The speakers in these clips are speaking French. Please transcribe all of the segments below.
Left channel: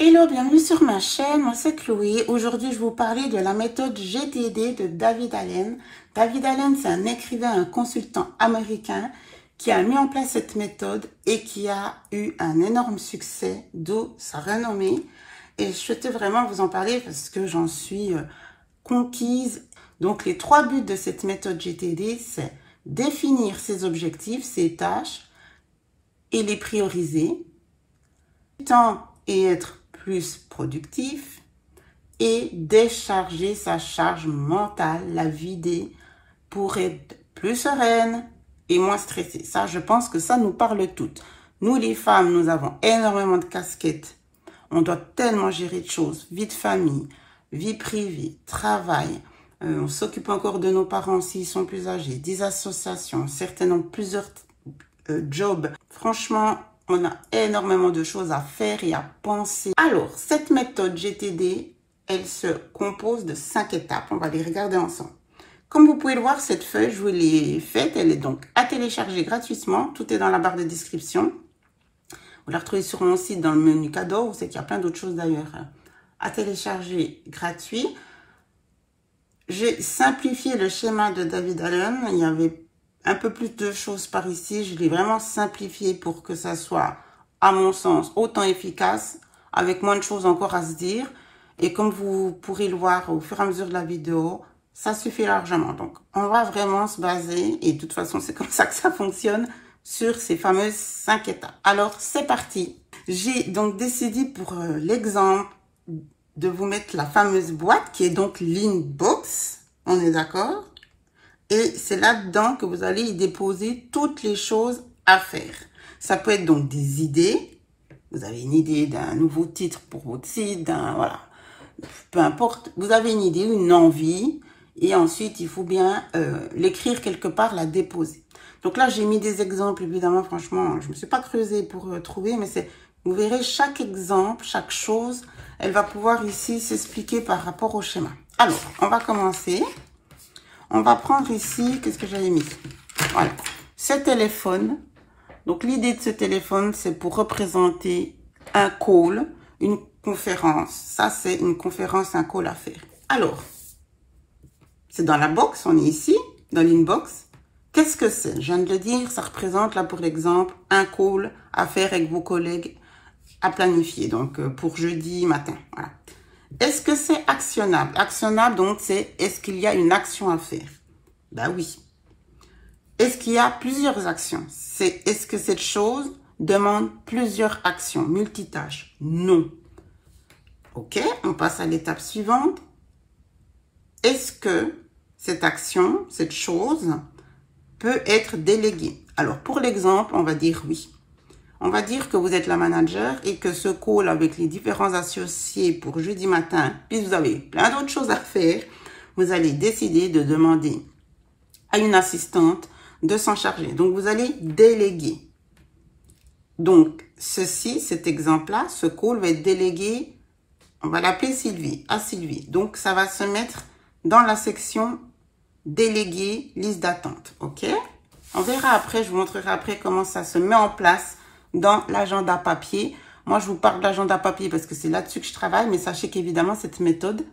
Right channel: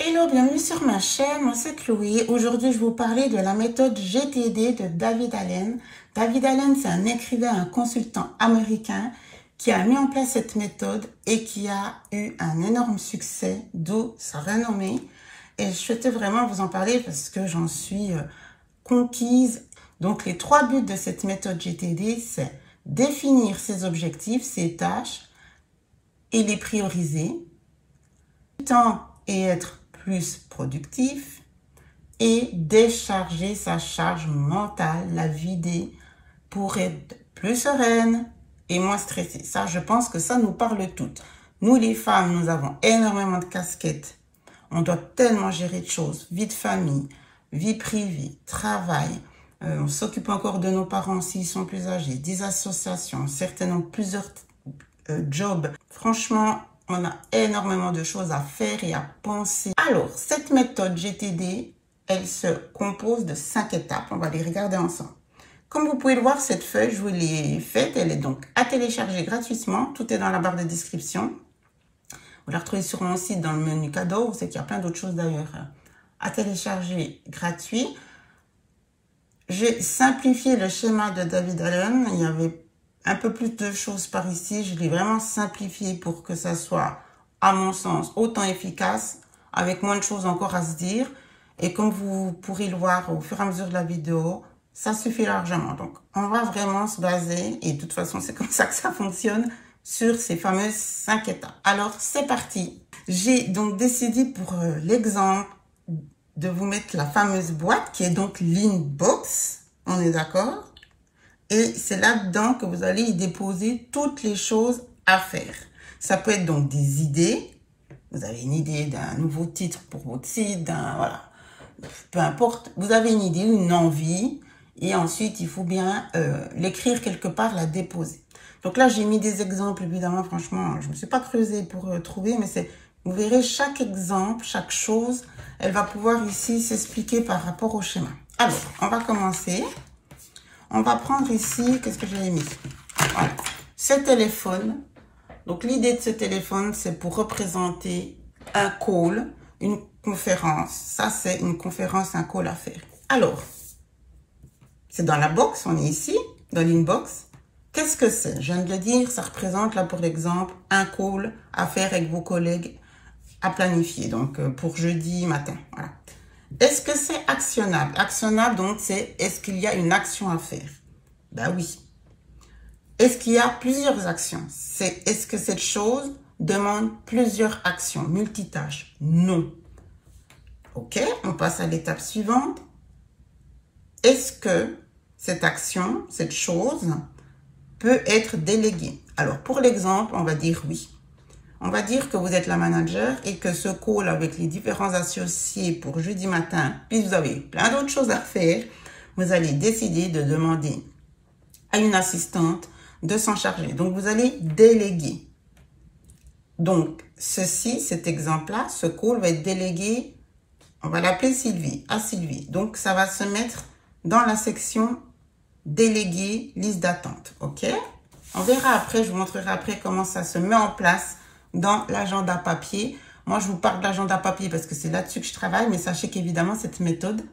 Hello, bienvenue sur ma chaîne, moi c'est Chloé. Aujourd'hui, je vais vous parler de la méthode GTD de David Allen. David Allen, c'est un écrivain, un consultant américain qui a mis en place cette méthode et qui a eu un énorme succès, d'où sa renommée. Et je souhaitais vraiment vous en parler parce que j'en suis conquise. Donc, les 3 buts de cette méthode GTD, c'est définir ses objectifs, ses tâches et les prioriser. Temps et être plus productif et décharger sa charge mentale, la vider pour être plus sereine et moins stressée. Ça, je pense que ça nous parle toutes. Nous, les femmes, nous avons énormément de casquettes. On doit tellement gérer de choses, vie de famille, vie privée, travail. On s'occupe encore de nos parents s'ils sont plus âgés, des associations, certaines ont plusieurs jobs. Franchement, on a énormément de choses à faire et à penser. Alors, cette méthode GTD, elle se compose de 5 étapes. On va les regarder ensemble. Comme vous pouvez le voir, cette feuille, je vous l'ai faite. Elle est donc à télécharger gratuitement. Tout est dans la barre de description. Vous la retrouvez sur mon site dans le menu cadeau. Vous savez qu'il y a plein d'autres choses d'ailleurs à télécharger gratuit. J'ai simplifié le schéma de David Allen. Il y avait un peu plus de choses par ici. Je l'ai vraiment simplifié pour que ça soit, à mon sens, autant efficace, avec moins de choses encore à se dire. Et comme vous pourrez le voir au fur et à mesure de la vidéo, ça suffit largement. Donc, on va vraiment se baser, et de toute façon, c'est comme ça que ça fonctionne, sur ces fameuses 5 étapes. Alors, c'est parti. J'ai donc décidé pour l'exemple de vous mettre la fameuse boîte qui est donc l'inbox. On est d'accord? Et c'est là-dedans que vous allez y déposer toutes les choses à faire. Ça peut être donc des idées. Vous avez une idée d'un nouveau titre pour votre site, voilà. Peu importe, vous avez une idée, une envie. Et ensuite, il faut bien l'écrire quelque part, la déposer. Donc là, j'ai mis des exemples, évidemment, franchement, je ne me suis pas creusée pour trouver, mais vous verrez chaque exemple, chaque chose, elle va pouvoir ici s'expliquer par rapport au schéma. Alors, on va commencer. On va prendre ici, qu'est-ce que j'avais mis? Voilà, ce téléphone. Donc, l'idée de ce téléphone, c'est pour représenter un call, une conférence. Ça, c'est une conférence, un call à faire. Alors, c'est dans la box, on est ici, dans l'inbox. Qu'est-ce que c'est? Je viens de le dire, ça représente, là, pour l'exemple, un call à faire avec vos collègues à planifier. Donc, pour jeudi matin, voilà. Est-ce que c'est actionnable? Actionnable, donc, c'est est-ce qu'il y a une action à faire? Ben oui. Est-ce qu'il y a plusieurs actions? C'est est-ce que cette chose demande plusieurs actions, multitâches? Non. Ok, on passe à l'étape suivante. Est-ce que cette action, cette chose, peut être déléguée? Alors, pour l'exemple, on va dire oui. On va dire que vous êtes la manager et que ce call avec les différents associés pour jeudi matin, puis vous avez plein d'autres choses à faire, vous allez décider de demander à une assistante de s'en charger. Donc, vous allez déléguer. Donc, cet exemple-là, ce call va être délégué, on va l'appeler Sylvie, à Sylvie. Donc, ça va se mettre dans la section délégué, liste d'attente. OK? On verra après, je vous montrerai après comment ça se met en place dans l'agenda papier. Moi, je vous parle d'agenda papier parce que c'est là-dessus que je travaille, mais sachez qu'évidemment, cette méthode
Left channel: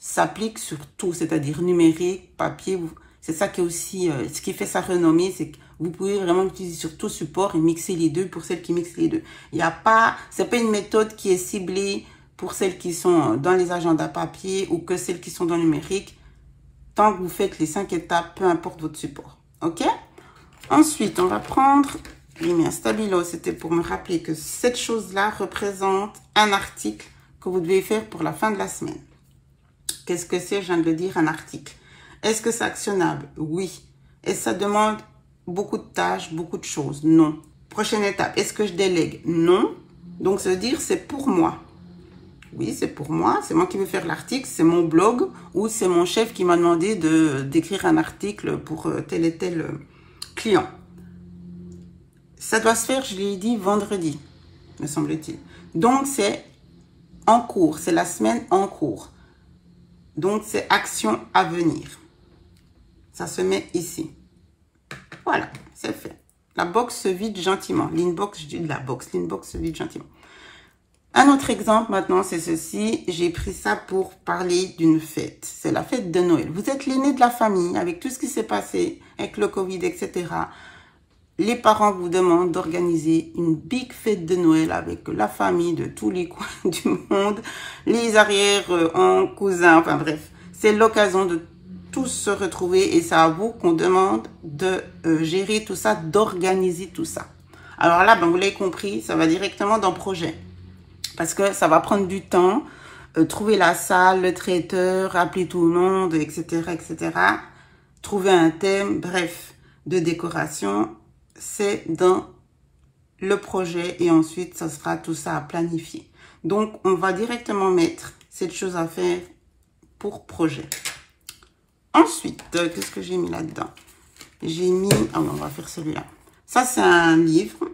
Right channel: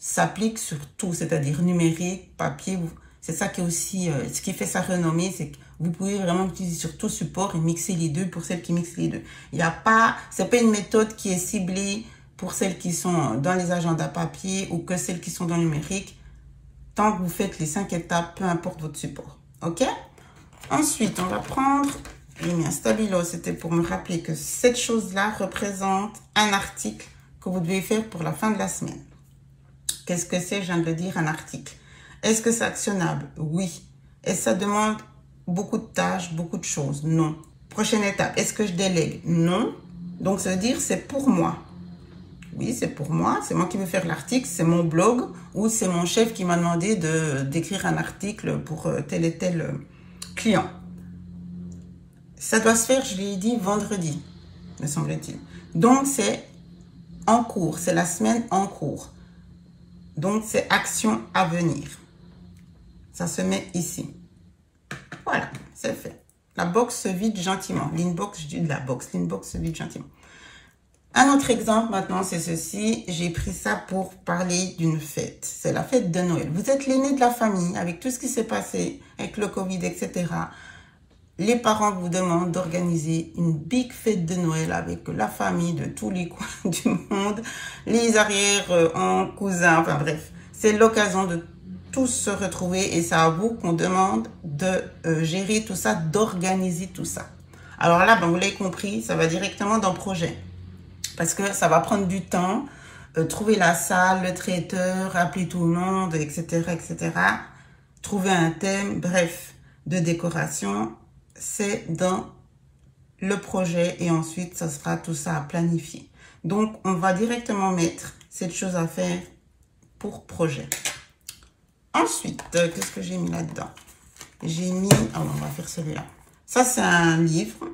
s'applique sur tout, c'est-à-dire numérique, papier. C'est ça qui est aussi, ce qui fait sa renommée, c'est que vous pouvez vraiment l'utiliser sur tout support et mixer les deux pour celles qui mixent les deux. Il n'y a pas, c'est pas une méthode qui est ciblée pour celles qui sont dans les agendas papier ou que celles qui sont dans le numérique. Tant que vous faites les 5 étapes, peu importe votre support. OK? Ensuite, on va prendre... J'ai mis un stabilo, c'était pour me rappeler que cette chose-là représente un article que vous devez faire pour la fin de la semaine. Qu'est-ce que c'est? Je viens de le dire, un article. Est-ce que c'est actionnable? Oui. Est-ce que ça demande beaucoup de tâches, beaucoup de choses? Non. Prochaine étape, est-ce que je délègue? Non. Donc, ça veut dire c'est pour moi. Oui, c'est pour moi. C'est moi qui vais faire l'article. C'est mon blog ou c'est mon chef qui m'a demandé d'écrire un article pour tel et tel client. Ça doit se faire, je l'ai dit, vendredi, me semble-t-il. Donc, c'est en cours. C'est la semaine en cours. Donc, c'est action à venir. Ça se met ici. Voilà, c'est fait. La box se vide gentiment. L'inbox, je dis de la box. L'inbox se vide gentiment. Un autre exemple maintenant, c'est ceci. J'ai pris ça pour parler d'une fête. C'est la fête de Noël. Vous êtes l'aîné de la famille, avec tout ce qui s'est passé, avec le Covid, etc. Les parents vous demandent d'organiser une big fête de Noël avec la famille de tous les coins du monde, les arrière-oncles, cousins, enfin bref. C'est l'occasion de tous se retrouver et c'est à vous qu'on demande de gérer tout ça, d'organiser tout ça. Alors là, ben, vous l'avez compris, ça va directement dans le projet. Parce que ça va prendre du temps, trouver la salle, le traiteur, appeler tout le monde, etc., etc. Trouver un thème, bref, de décoration, c'est dans le projet et ensuite, ça sera tout ça à planifier. Donc, on va directement mettre cette chose à faire pour projet. Ensuite, qu'est-ce que j'ai mis là-dedans? J'ai mis, on va faire celui-là. Ça, c'est un livre.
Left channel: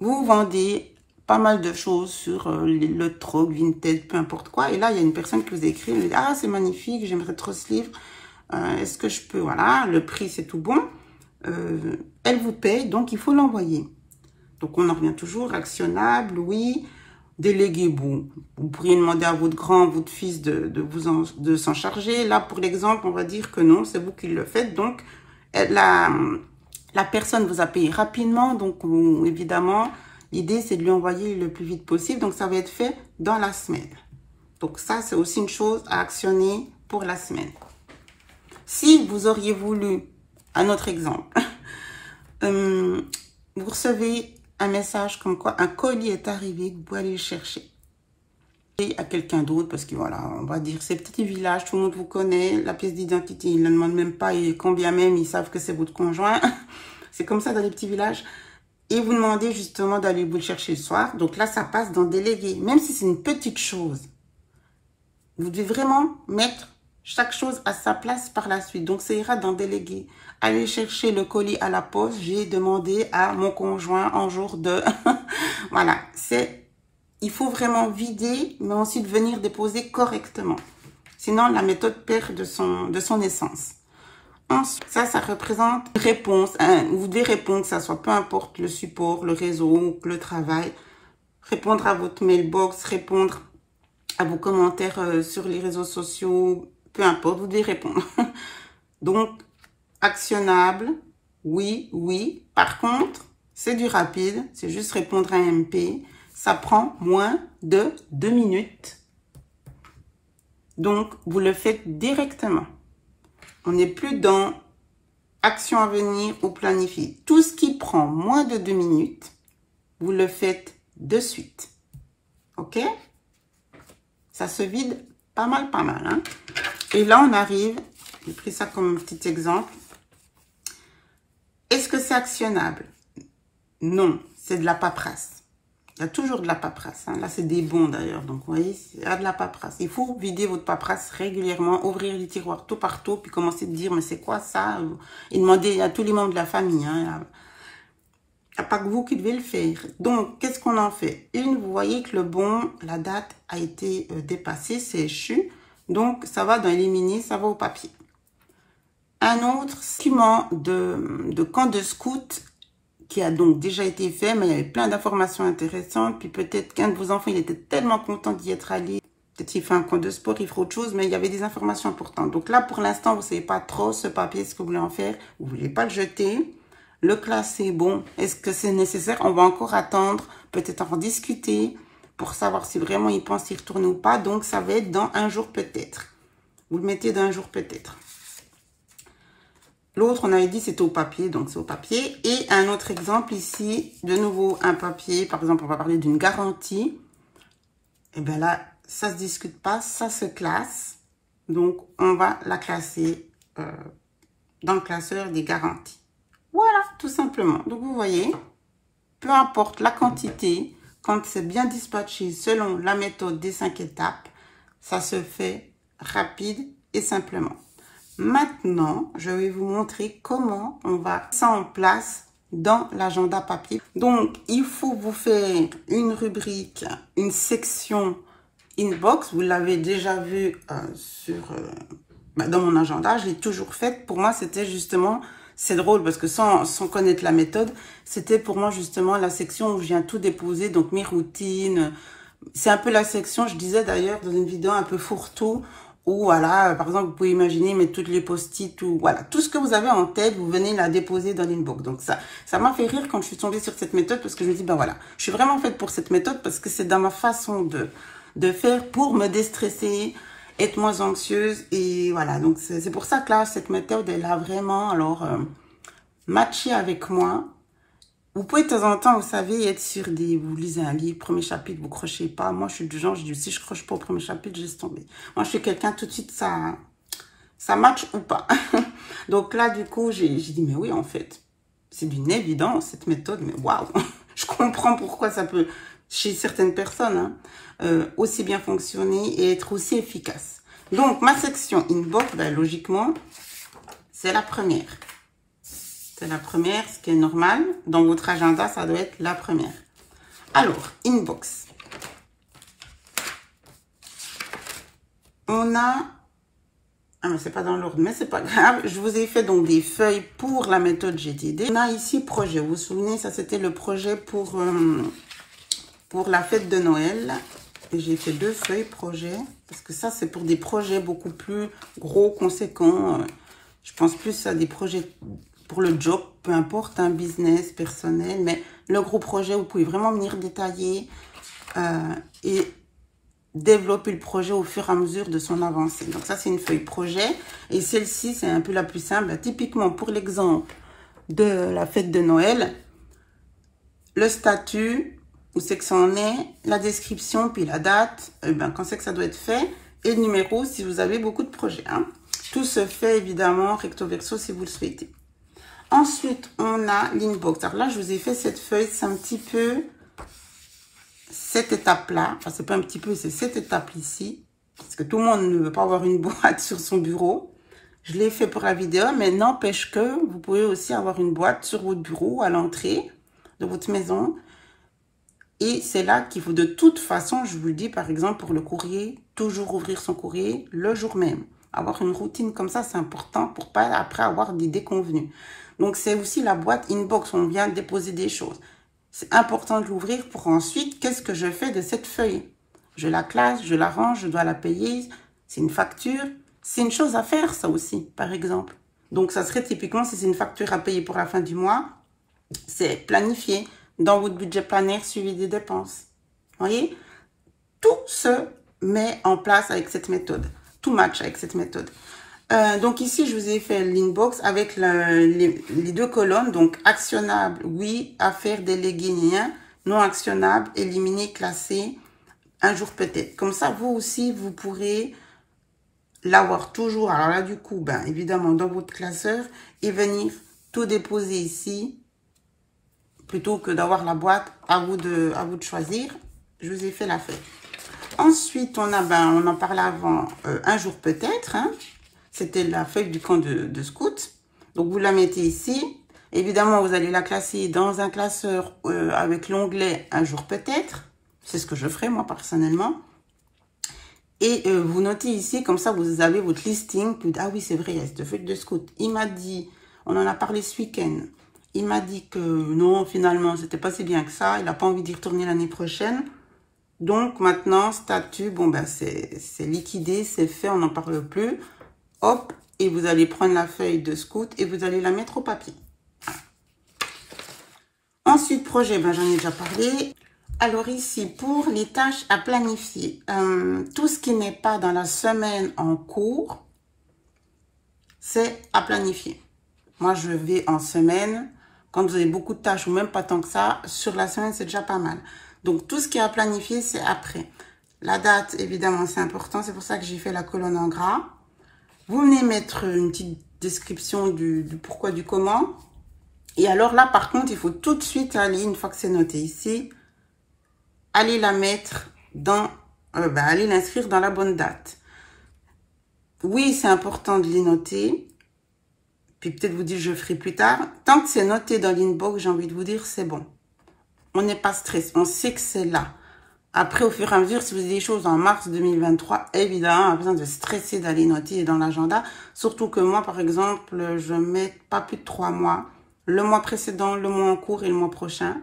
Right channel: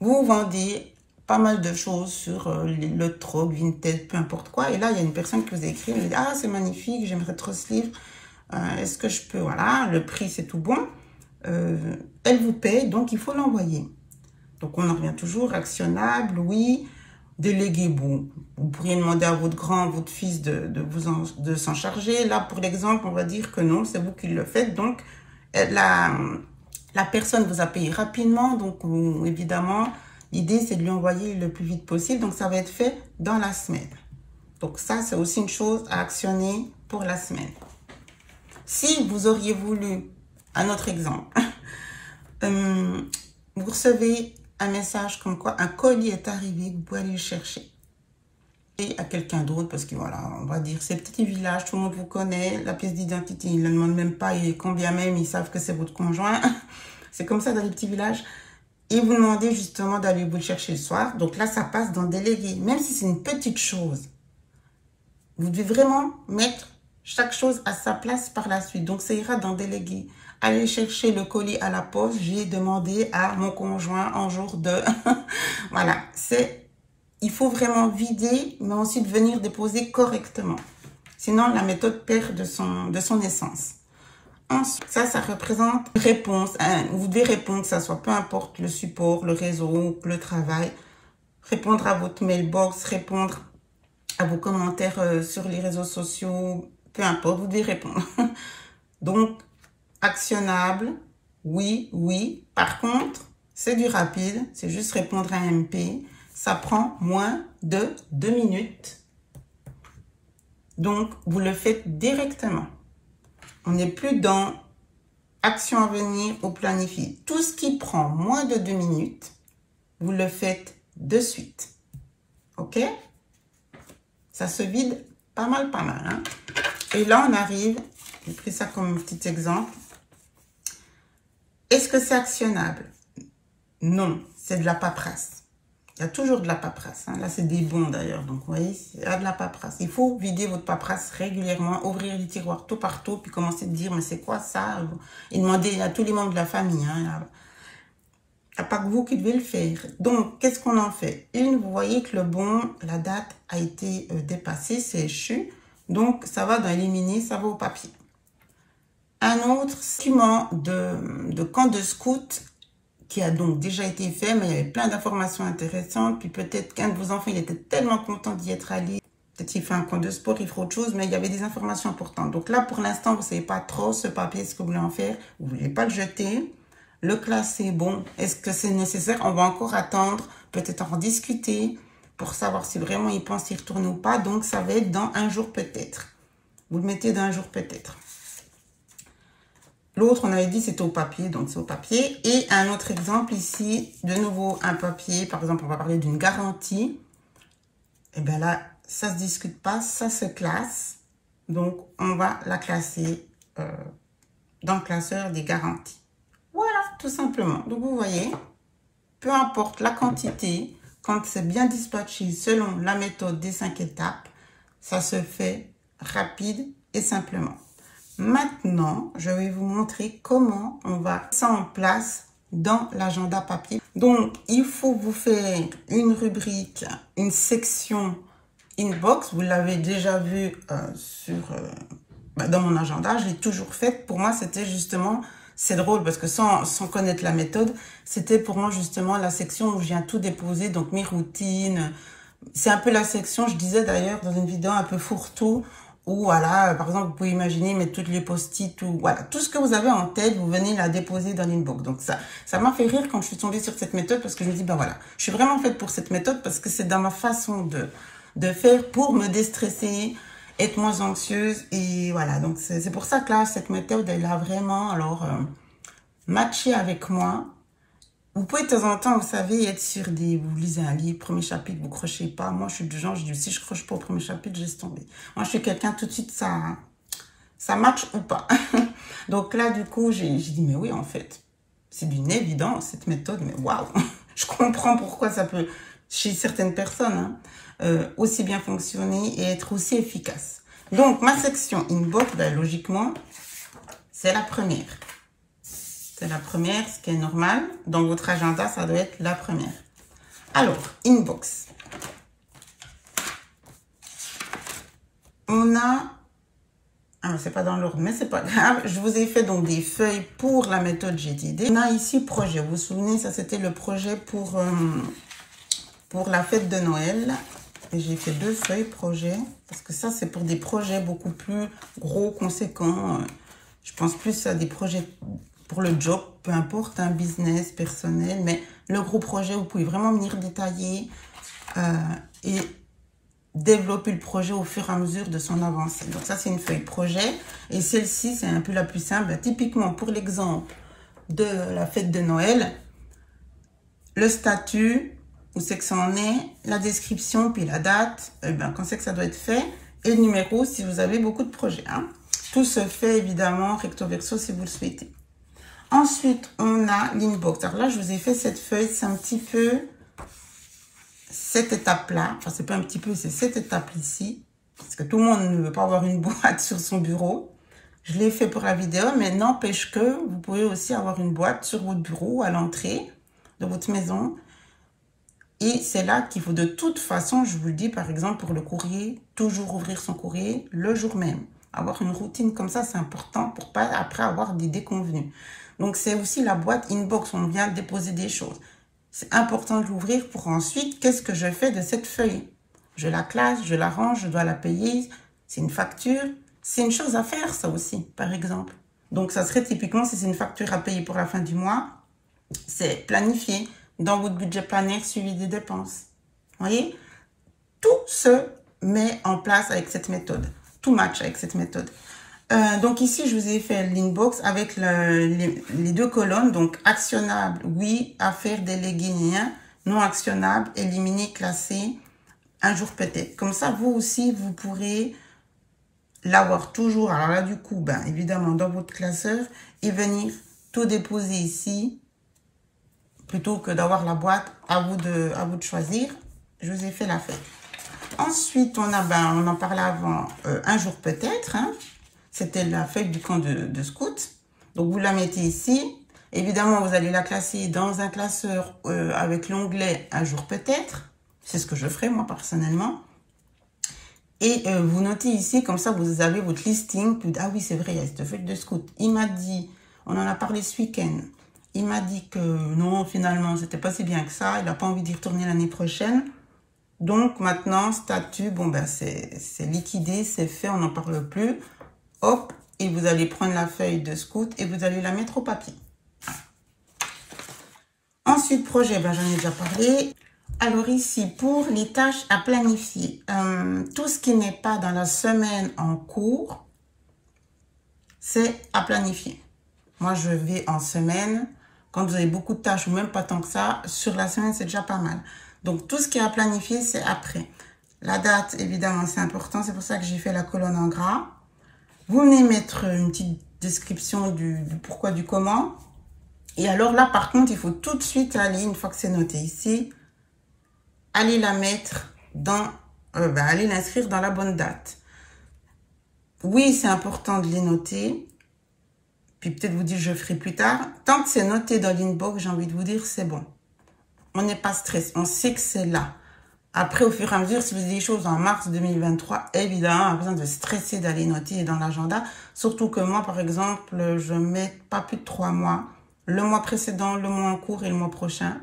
Vous vendez pas mal de choses sur le troc, Vinted, peu importe quoi. Et là, il y a une personne qui vous a écrit, elle dit, ah, c'est magnifique, j'aimerais trop ce livre. Est-ce que je peux, voilà, le prix, c'est tout bon. Elle vous paye, donc il faut l'envoyer. Donc, on en revient toujours, actionnable, oui. Délégué, bon, vous pourriez demander à votre grand, votre fils de s'en charger. Là, pour l'exemple, on va dire que non, c'est vous qui le faites. Donc, la personne vous a payé rapidement. Donc, évidemment, l'idée, c'est de lui envoyer le plus vite possible. Donc, ça va être fait dans la semaine. Donc, ça, c'est aussi une chose à actionner pour la semaine. Si vous auriez voulu, un autre exemple, vous recevez un message comme quoi un colis est arrivé, vous pouvez aller le chercher. Et à quelqu'un d'autre, parce que voilà, on va dire, c'est petit village, tout le monde vous connaît, la pièce d'identité, ils ne le demandent même pas, et quand bien même, ils savent que c'est votre conjoint. C'est comme ça dans les petits villages. Et vous demandez justement d'aller vous le chercher le soir. Donc là, ça passe dans délégué. Même si c'est une petite chose, vous devez vraiment mettre chaque chose à sa place par la suite. Donc, ça ira dans délégué. Aller chercher le colis à la poste, j'ai demandé à mon conjoint en jour de... Voilà, il faut vraiment vider, mais ensuite venir déposer correctement. Sinon, la méthode perd de son essence. Ensuite, ça représente une réponse. Vous devez répondre, que ça soit peu importe le support, le réseau, le travail. Répondre à votre mailbox, répondre à vos commentaires sur les réseaux sociaux, peu importe, vous devez répondre. Donc, actionnable, oui, oui. Par contre, c'est du rapide, c'est juste répondre à un MP. Ça prend moins de 2 minutes. Donc, vous le faites directement. On n'est plus dans action à venir ou planifier. Tout ce qui prend moins de 2 minutes, vous le faites de suite. OK? Ça se vide pas mal, hein? Et là, on arrive, j'ai pris ça comme un petit exemple. Est-ce que c'est actionnable? Non, c'est de la paperasse. Il y a toujours de la paperasse. Hein. Là, c'est des bons d'ailleurs. Donc, vous voyez, il y a de la paperasse. Il faut vider votre paperasse régulièrement, ouvrir les tiroirs tout partout, puis commencer à dire, mais c'est quoi ça? Et demander à tous les membres de la famille. Hein. Il n'y a pas que vous qui devez le faire. Donc, qu'est-ce qu'on en fait? Vous voyez que le bon, la date a été dépassée, c'est échu. Donc, ça va dans éliminer, ça va au papier. Un autre document de camp de scout qui a donc déjà été fait, mais il y avait plein d'informations intéressantes. Puis peut-être qu'un de vos enfants, il était tellement content d'y être allé. Peut-être qu'il fait un camp de sport, il fera autre chose, mais il y avait des informations importantes. Donc là, pour l'instant, vous ne savez pas trop ce papier, ce que vous voulez en faire. Vous ne voulez pas le jeter. Le classer, bon, est-ce que c'est nécessaire? On va encore attendre, peut-être en discuter pour savoir si vraiment il pense y retourner ou pas. Donc, ça va être dans un jour peut-être. Vous le mettez dans un jour peut-être. L'autre, on avait dit, c'était au papier, donc c'est au papier. Et un autre exemple ici, de nouveau, un papier. Par exemple, on va parler d'une garantie. Et bien là, ça ne se discute pas, ça se classe. Donc, on va la classer dans le classeur des garanties. Voilà, tout simplement. Donc, vous voyez, peu importe la quantité, quand c'est bien dispatché selon la méthode des 5 étapes, ça se fait rapide et simplement. Maintenant, je vais vous montrer comment on va mettre ça en place dans l'agenda papier. Donc, il faut vous faire une rubrique, une section inbox. Vous l'avez déjà vu dans mon agenda. Je l'ai toujours faite. Pour moi, c'était justement, c'est drôle parce que sans connaître la méthode, c'était pour moi justement la section où je viens tout déposer. Donc, mes routines, C'est un peu la section, je disais d'ailleurs dans une vidéo un peu fourre-tout, où voilà, par exemple, vous pouvez imaginer mettre toutes les post-it ou voilà, tout ce que vous avez en tête, vous venez la déposer dans l'inbox. Donc ça m'a fait rire quand je suis tombée sur cette méthode parce que je me dis, ben voilà, je suis vraiment faite pour cette méthode parce que c'est dans ma façon de faire pour me déstresser, être moins anxieuse et voilà. Donc c'est pour ça que là, cette méthode, elle a vraiment alors matché avec moi. Vous pouvez de temps en temps, vous savez, être sur des... Vous lisez un livre, premier chapitre, vous crochez pas. Moi, je suis du genre, je dis, si je croche pas au premier chapitre, je laisse tomber. Moi, je suis quelqu'un, tout de suite, ça match ou pas. Donc là, du coup, j'ai dit, mais oui, en fait, c'est d'une évidence, cette méthode, mais waouh, je comprends pourquoi ça peut, chez certaines personnes, hein, aussi bien fonctionner et être aussi efficace. Donc, ma section inbox, ben, logiquement, c'est la première. C'est la première, ce qui est normal. Dans votre agenda, ça doit être la première. Alors, inbox. On a... Ah non, c'est pas dans l'ordre, mais c'est pas grave. Je vous ai fait donc des feuilles pour la méthode GTD. On a ici projet. Vous vous souvenez, ça c'était le projet pour la fête de Noël. Et j'ai fait 2 feuilles projet. Parce que ça, c'est pour des projets beaucoup plus gros, conséquents. Je pense plus à des projets... pour le job, peu importe, un business personnel, mais le gros projet, vous pouvez vraiment venir détailler et développer le projet au fur et à mesure de son avancée. Donc ça, c'est une feuille projet. Et celle-ci, c'est un peu la plus simple. Bah, typiquement, pour l'exemple de la fête de Noël, le statut, où c'est que ça en est, la description, puis la date, quand c'est que ça doit être fait, et le numéro si vous avez beaucoup de projets. Hein. Tout se fait évidemment recto verso si vous le souhaitez. Ensuite, on a l'inbox. Alors là, je vous ai fait cette feuille, c'est un petit peu cette étape-là. Enfin, c'est pas un petit peu, c'est cette étape ici. Parce que tout le monde ne veut pas avoir une boîte sur son bureau. Je l'ai fait pour la vidéo, mais n'empêche que vous pouvez aussi avoir une boîte sur votre bureau, à l'entrée de votre maison. Et c'est là qu'il faut de toute façon, je vous le dis, par exemple, pour le courrier, toujours ouvrir son courrier le jour même. Avoir une routine comme ça, c'est important pour pas après avoir des déconvenues. Donc, c'est aussi la boîte inbox. On vient déposer des choses. C'est important de l'ouvrir pour ensuite, qu'est-ce que je fais de cette feuille? Je la classe, je la range, je dois la payer. C'est une facture. C'est une chose à faire, ça aussi, par exemple. Donc, ça serait typiquement, si c'est une facture à payer pour la fin du mois, c'est planifié dans votre budget planner suivi des dépenses. Vous voyez? Tout se met en place avec cette méthode. Tout match avec cette méthode. Donc ici, je vous ai fait l'inbox avec les 2 colonnes. Donc, actionnable, oui, affaires, délégué, rien. Non actionnable, éliminer, classer, un jour peut-être. Comme ça, vous aussi, vous pourrez l'avoir toujours. Alors là, du coup, ben, évidemment, dans votre classeur et venir tout déposer ici. Plutôt que d'avoir la boîte, à vous de choisir. Je vous ai fait la feuille. Ensuite, on en parlait avant, un jour peut-être, hein. C'était la feuille du camp de scout. Donc, vous la mettez ici. Évidemment, vous allez la classer dans un classeur avec l'onglet un jour peut-être. C'est ce que je ferai, moi, personnellement. Et vous notez ici, comme ça, vous avez votre listing. Ah oui, c'est vrai, il y a cette feuille de scout. Il m'a dit, on en a parlé ce week-end. Il m'a dit que non, finalement, c'était pas si bien que ça. Il n'a pas envie d'y retourner l'année prochaine. Donc, maintenant, statut, bon, ben, c'est liquidé, c'est fait, on n'en parle plus. Hop, et vous allez prendre la feuille de scout et vous allez la mettre au papier. Ensuite, projet, ben, j'en ai déjà parlé. Alors ici, pour les tâches à planifier, tout ce qui n'est pas dans la semaine en cours, c'est à planifier. Moi, je vais en semaine. Quand vous avez beaucoup de tâches, ou même pas tant que ça, sur la semaine, c'est déjà pas mal. Donc, tout ce qui est à planifier, c'est après. La date, évidemment, c'est important. C'est pour ça que j'ai fait la colonne en gras. Vous venez mettre une petite description du pourquoi, du comment. Et alors là, par contre, il faut tout de suite aller, une fois que c'est noté ici, aller la mettre dans... aller l'inscrire dans la bonne date. Oui, c'est important de les noter. Puis peut-être vous dire, je ferai plus tard. Tant que c'est noté dans l'inbox, j'ai envie de vous dire, c'est bon. On n'est pas stressé. On sait que c'est là. Après, au fur et à mesure, si vous avez des choses en mars 2023, évidemment, on a besoin de stresser d'aller noter dans l'agenda. Surtout que moi, par exemple, je mets pas plus de 3 mois. Le mois précédent, le mois en cours et le mois prochain.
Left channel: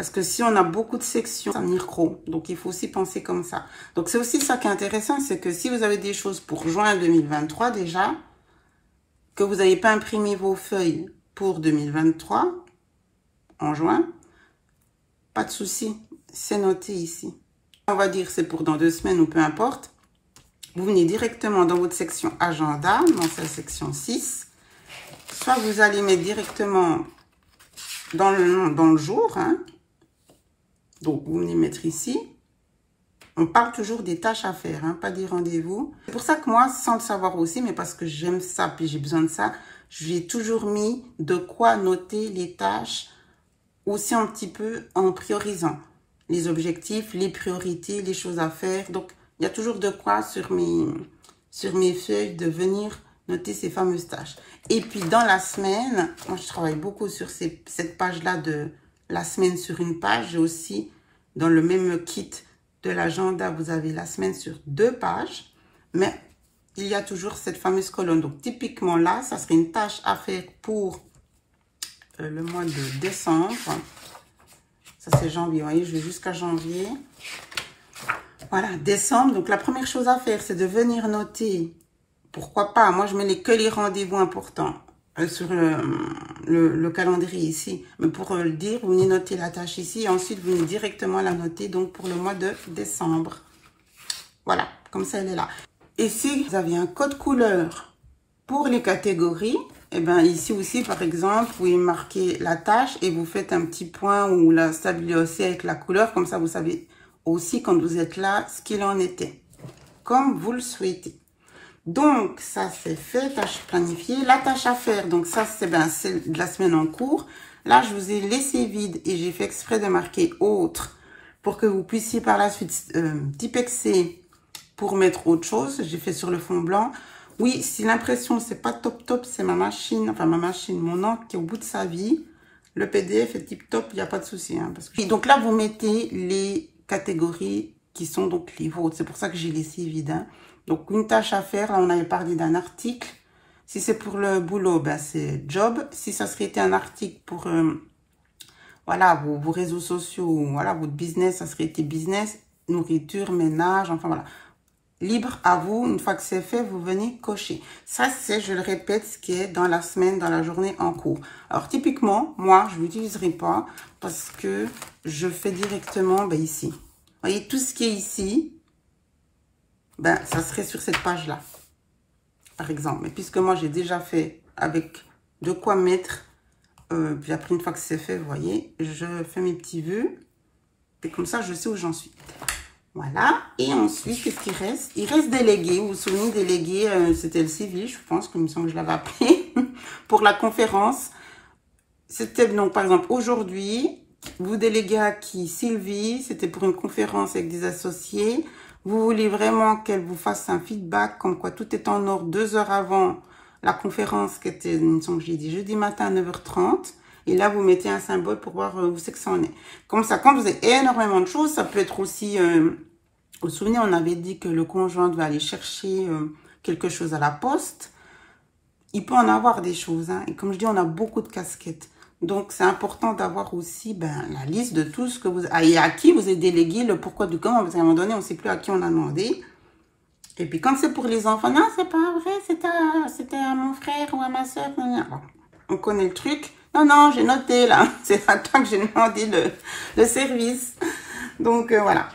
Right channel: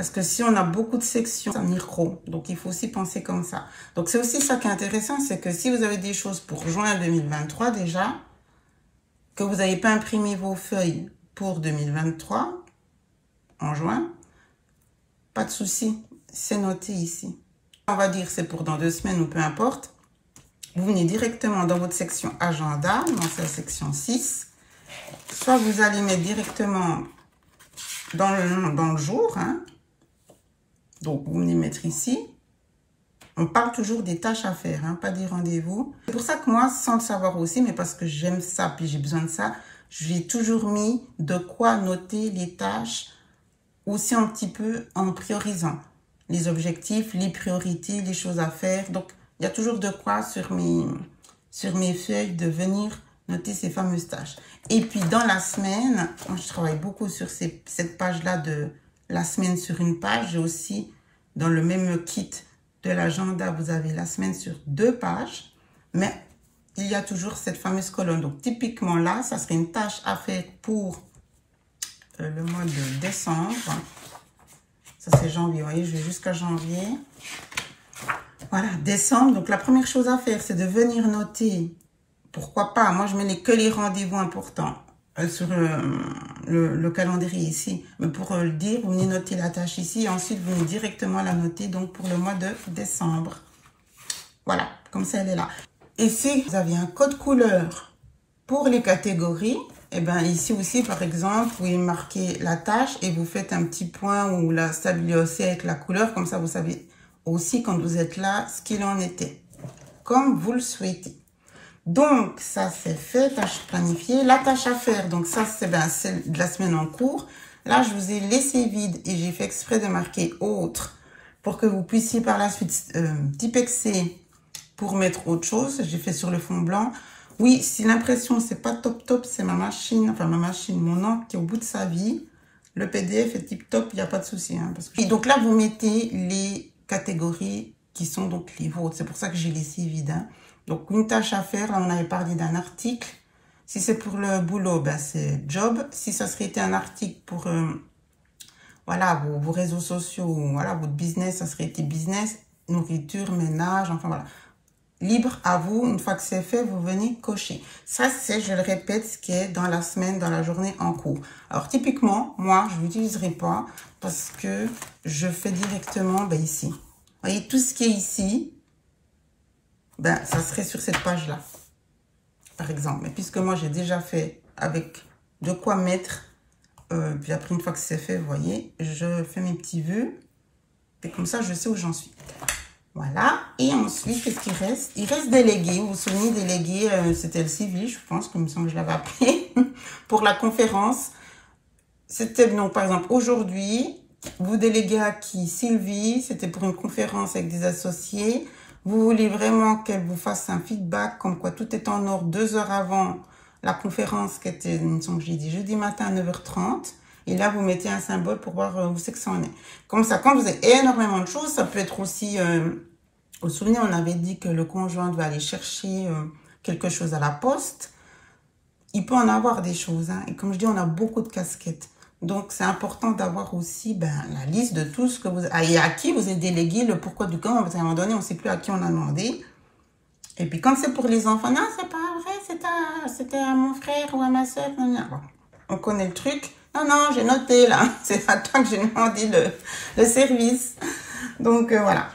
Parce que si on a beaucoup de sections, ça va venir gros. Donc, il faut aussi penser comme ça. Donc, c'est aussi ça qui est intéressant, c'est que si vous avez des choses pour juin 2023 déjà, que vous n'avez pas imprimé vos feuilles pour 2023, en juin, pas de souci, c'est noté ici. On va dire c'est pour dans 2 semaines ou peu importe. Vous venez directement dans votre section agenda, dans sa section 6. Soit vous allez mettre directement dans le jour, hein. Donc, vous venez mettre ici. On parle toujours des tâches à faire, hein, pas des rendez-vous. C'est pour ça que moi, sans le savoir aussi, mais parce que j'aime ça, puis j'ai besoin de ça, j'ai toujours mis de quoi noter les tâches aussi un petit peu en priorisant. Les objectifs, les priorités, les choses à faire. Donc, il y a toujours de quoi sur mes feuilles de venir noter ces fameuses tâches. Et puis, dans la semaine, moi, je travaille beaucoup sur cette page-là de la semaine sur une page. J'ai aussi, dans le même kit de l'agenda, vous avez la semaine sur 2 pages. Mais il y a toujours cette fameuse colonne. Donc, typiquement là, ça serait une tâche à faire pour le mois de décembre. Ça, c'est janvier. Vous voyez, je vais jusqu'à janvier. Voilà, décembre. Donc, la première chose à faire, c'est de venir noter. Pourquoi pas? Moi, je mets que les rendez-vous importants sur le calendrier ici. Mais pour le dire, vous venez noter la tâche ici. Et ensuite, vous venez directement la noter donc pour le mois de décembre. Voilà, comme ça, elle est là. Et si vous avez un code couleur pour les catégories, et bien ici aussi, par exemple, vous pouvez marquer la tâche et vous faites un petit point ou la stabiliser aussi avec la couleur. Comme ça, vous savez aussi quand vous êtes là ce qu'il en était, comme vous le souhaitez. Donc, ça c'est fait, tâche planifiée. La tâche à faire, donc ça c'est celle de la semaine en cours. Là, je vous ai laissé vide et j'ai fait exprès de marquer autre pour que vous puissiez par la suite typexer pour mettre autre chose. J'ai fait sur le fond blanc. Oui, si l'impression c'est pas top, c'est ma machine, mon encre qui est au bout de sa vie. Le PDF est tip top, il n'y a pas de souci. Hein, parce que... Et donc là, vous mettez les catégories qui sont donc les vôtres. C'est pour ça que j'ai laissé vide. Hein. Donc, une tâche à faire, là, on avait parlé d'un article. Si c'est pour le boulot, c'est job. Si ça serait été un article pour voilà, vos réseaux sociaux, voilà, votre business, ça serait été business, nourriture, ménage, enfin voilà. Libre à vous, une fois que c'est fait, vous venez cocher. Ça, c'est, je le répète, ce qui est dans la semaine, dans la journée en cours. Alors, typiquement, moi, je ne l'utiliserai pas parce que je fais directement ici. Vous voyez, tout ce qui est ici, ça serait sur cette page-là, par exemple. Mais puisque moi, j'ai déjà fait avec de quoi mettre, puis après, une fois que c'est fait, vous voyez, je fais mes petits vœux. Et comme ça, je sais où j'en suis. Voilà. Et ensuite, qu'est-ce qu'il reste? Il reste délégué. Vous vous souvenez, délégué, c'était le civil, je pense, comme ça que je l'avais appelé, pour la conférence. C'était, donc, par exemple, aujourd'hui, vous déléguez à qui? Sylvie, c'était pour une conférence avec des associés. Vous voulez vraiment qu'elle vous fasse un feedback, comme quoi tout est en ordre 2 heures avant la conférence, qui était, il me semble que j'ai dit, jeudi matin à 9h30. Et là, vous mettez un symbole pour voir où c'est que ça en est. Comme ça, quand vous avez énormément de choses, ça peut être aussi... vous vous souvenez, on avait dit que le conjoint devait aller chercher quelque chose à la poste. Il peut en avoir des choses. Hein. Et comme je dis, on a beaucoup de casquettes. Donc, c'est important d'avoir aussi la liste de tout ce que vous... et à qui vous avez délégué le pourquoi du comment. Parce qu'à un moment donné, on ne sait plus à qui on a demandé. Et puis, quand c'est pour les enfants, non, c'est pas vrai, c'était à mon frère ou à ma soeur. Bon, on connaît le truc. Non, non, j'ai noté là. C'est à toi que j'ai demandé le service. Donc, voilà.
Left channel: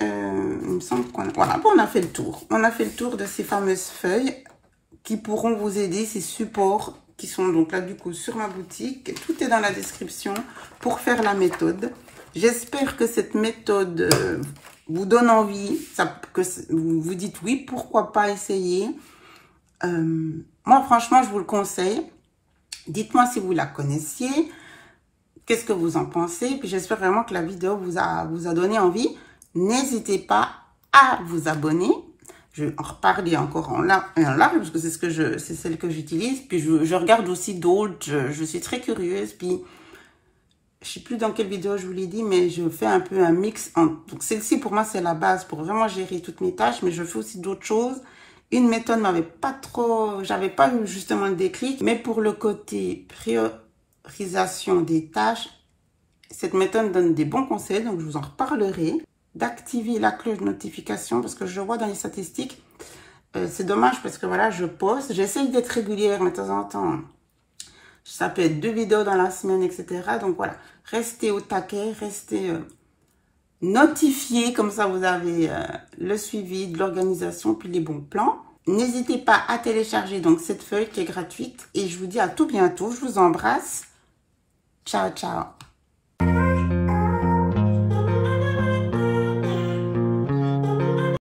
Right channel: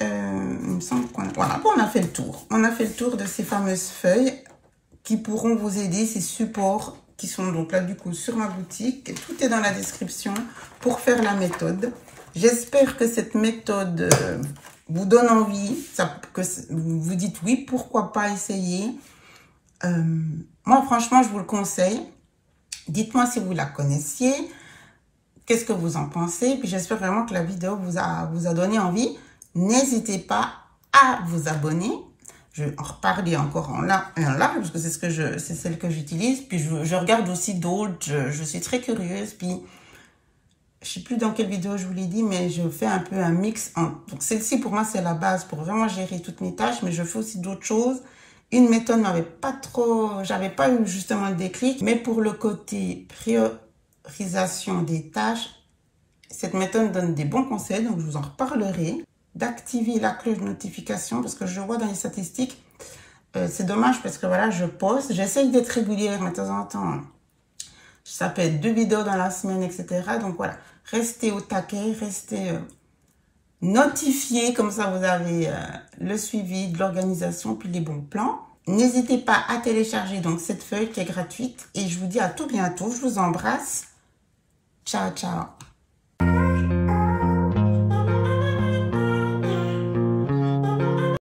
Il me semble qu'on voilà, on a fait le tour. On a fait le tour de ces fameuses feuilles qui pourront vous aider, ces supports qui sont donc là du coup sur ma boutique. Tout est dans la description pour faire la méthode. J'espère que cette méthode vous donne envie, que vous vous dites oui, pourquoi pas essayer. Moi, franchement, je vous le conseille. Dites-moi si vous la connaissiez, qu'est-ce que vous en pensez. Puis j'espère vraiment que la vidéo vous a donné envie. N'hésitez pas à vous abonner. Je vais en reparler encore en large, parce que c'est celle que j'utilise. Puis je regarde aussi d'autres. Je suis très curieuse. Puis je ne sais plus dans quelle vidéo je vous l'ai dit, mais je fais un peu un mix. Donc celle-ci, pour moi, c'est la base pour vraiment gérer toutes mes tâches. Mais je fais aussi d'autres choses. Une méthode m'avait pas trop... J'avais pas eu justement le déclic. Mais pour le côté priorisation des tâches, Cette méthode donne des bons conseils, donc je vous en reparlerai. D'activer la cloche de notification parce que je vois dans les statistiques, c'est dommage parce que voilà, je poste, j'essaye d'être régulière, mais de temps en temps, ça peut être 2 vidéos dans la semaine, etc. Donc voilà, restez au taquet, restez notifiés, comme ça vous avez le suivi de l'organisation puis les bons plans. N'hésitez pas à télécharger donc cette feuille qui est gratuite et je vous dis à tout bientôt, je vous embrasse. Ciao, ciao.